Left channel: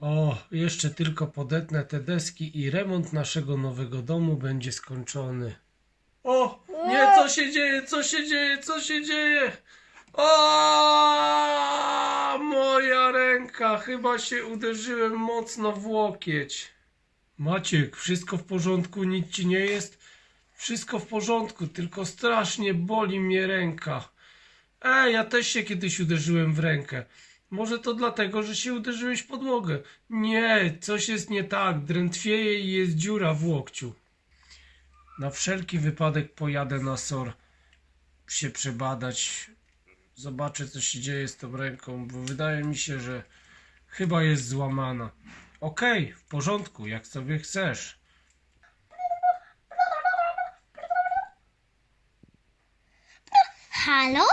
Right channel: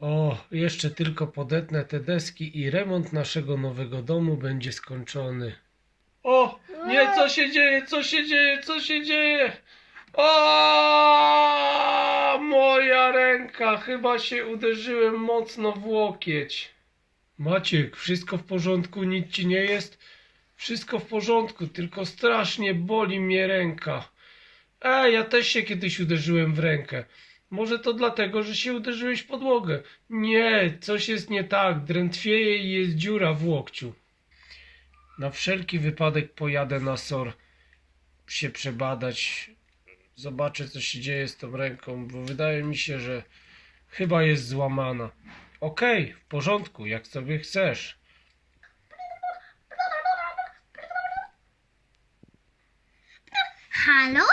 O, jeszcze tylko podetnę te deski i remont naszego nowego domu będzie skończony. O, nie, co się dzieje, co się dzieje, co się dzieje? O, moja ręka, chyba się uderzyłem mocno w łokieć. Maciek, wszystko w porządku, nic ci nie jest? Wszystko w porządku, tylko strasznie boli mnie ręka. Ej, ja też się kiedyś uderzyłem w rękę. Może to dlatego, że się uderzyłeś w podłogę. Nie, coś jest nie tak. Drętwieje i jest dziura w łokciu. Na wszelki wypadek pojadę na SOR się przebadać. Zobaczę, co się dzieje z tą ręką, bo wydaje mi się, że chyba jest złamana. Okej, w porządku, jak sobie chcesz. Halo?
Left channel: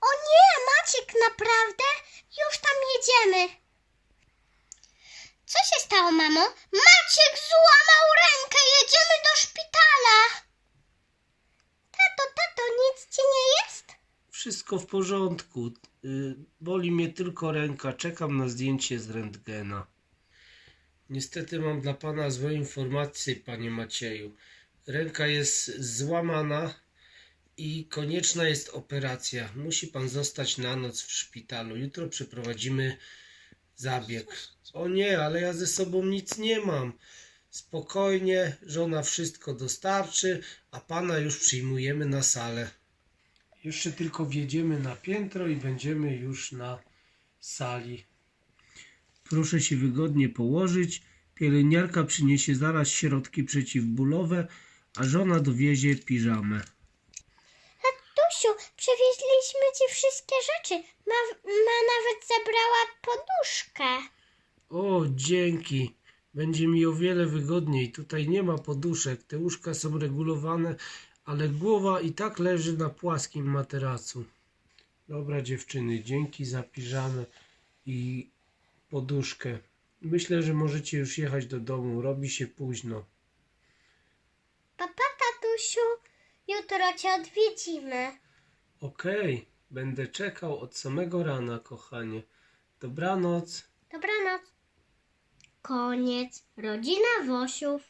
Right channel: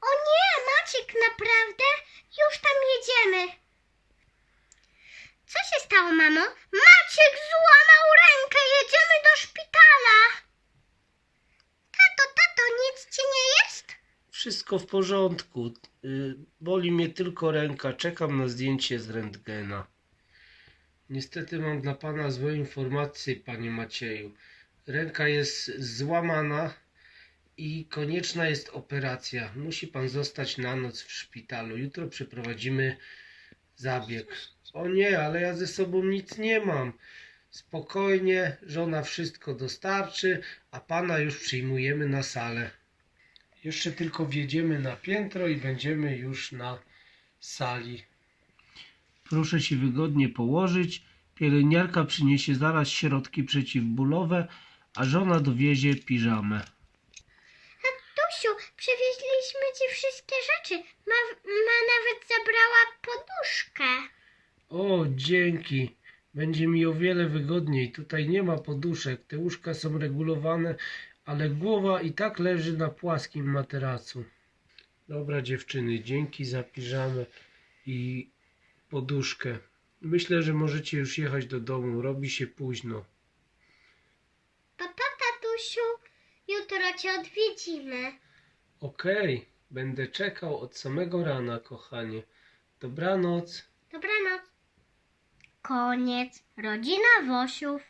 O nie, Maciek, naprawdę? Już tam jedziemy. Co się stało, mamo? Maciek złamał rękę, jedziemy do szpitala. Tato, tato, nic ci nie jest? Wszystko w porządku. Y, Boli mnie tylko ręka. Czekam na zdjęcie z rentgena. Niestety mam dla pana złe informacje, panie Macieju. Ręka jest złamana i konieczna jest operacja. Musi pan zostać na noc w szpitalu. Jutro przeprowadzimy zabieg. O nie, ale ja ze sobą nic nie mam. Spokojnie, żona wszystko dostarczy, a pana już przyjmujemy na salę. Jeszcze tylko wjedziemy na piętro i będziemy już na sali. Proszę się wygodnie położyć. Pielęgniarka przyniesie zaraz środki przeciwbólowe, a żona dowiezie piżamę. Przewieźliśmy ci wszystkie rzeczy. Ma, ma nawet zabrała poduszkę. O, dzięki. Będzie mi o wiele wygodniej. Tutaj nie ma poduszek. Te łóżka są regulowane, ale głowa i tak leży na płaskim materacu. Dobra dziewczyny, dzięki za piżamę i poduszkę. Myślę, że możecie już jechać do domu. Robi się późno. Papa, tatusiu, jutro cię odwiedzimy. Okej, będę czekał od samego rana, kochanie. Dobranoc. Dobranoc. Koniec. Rodzina Wosiów.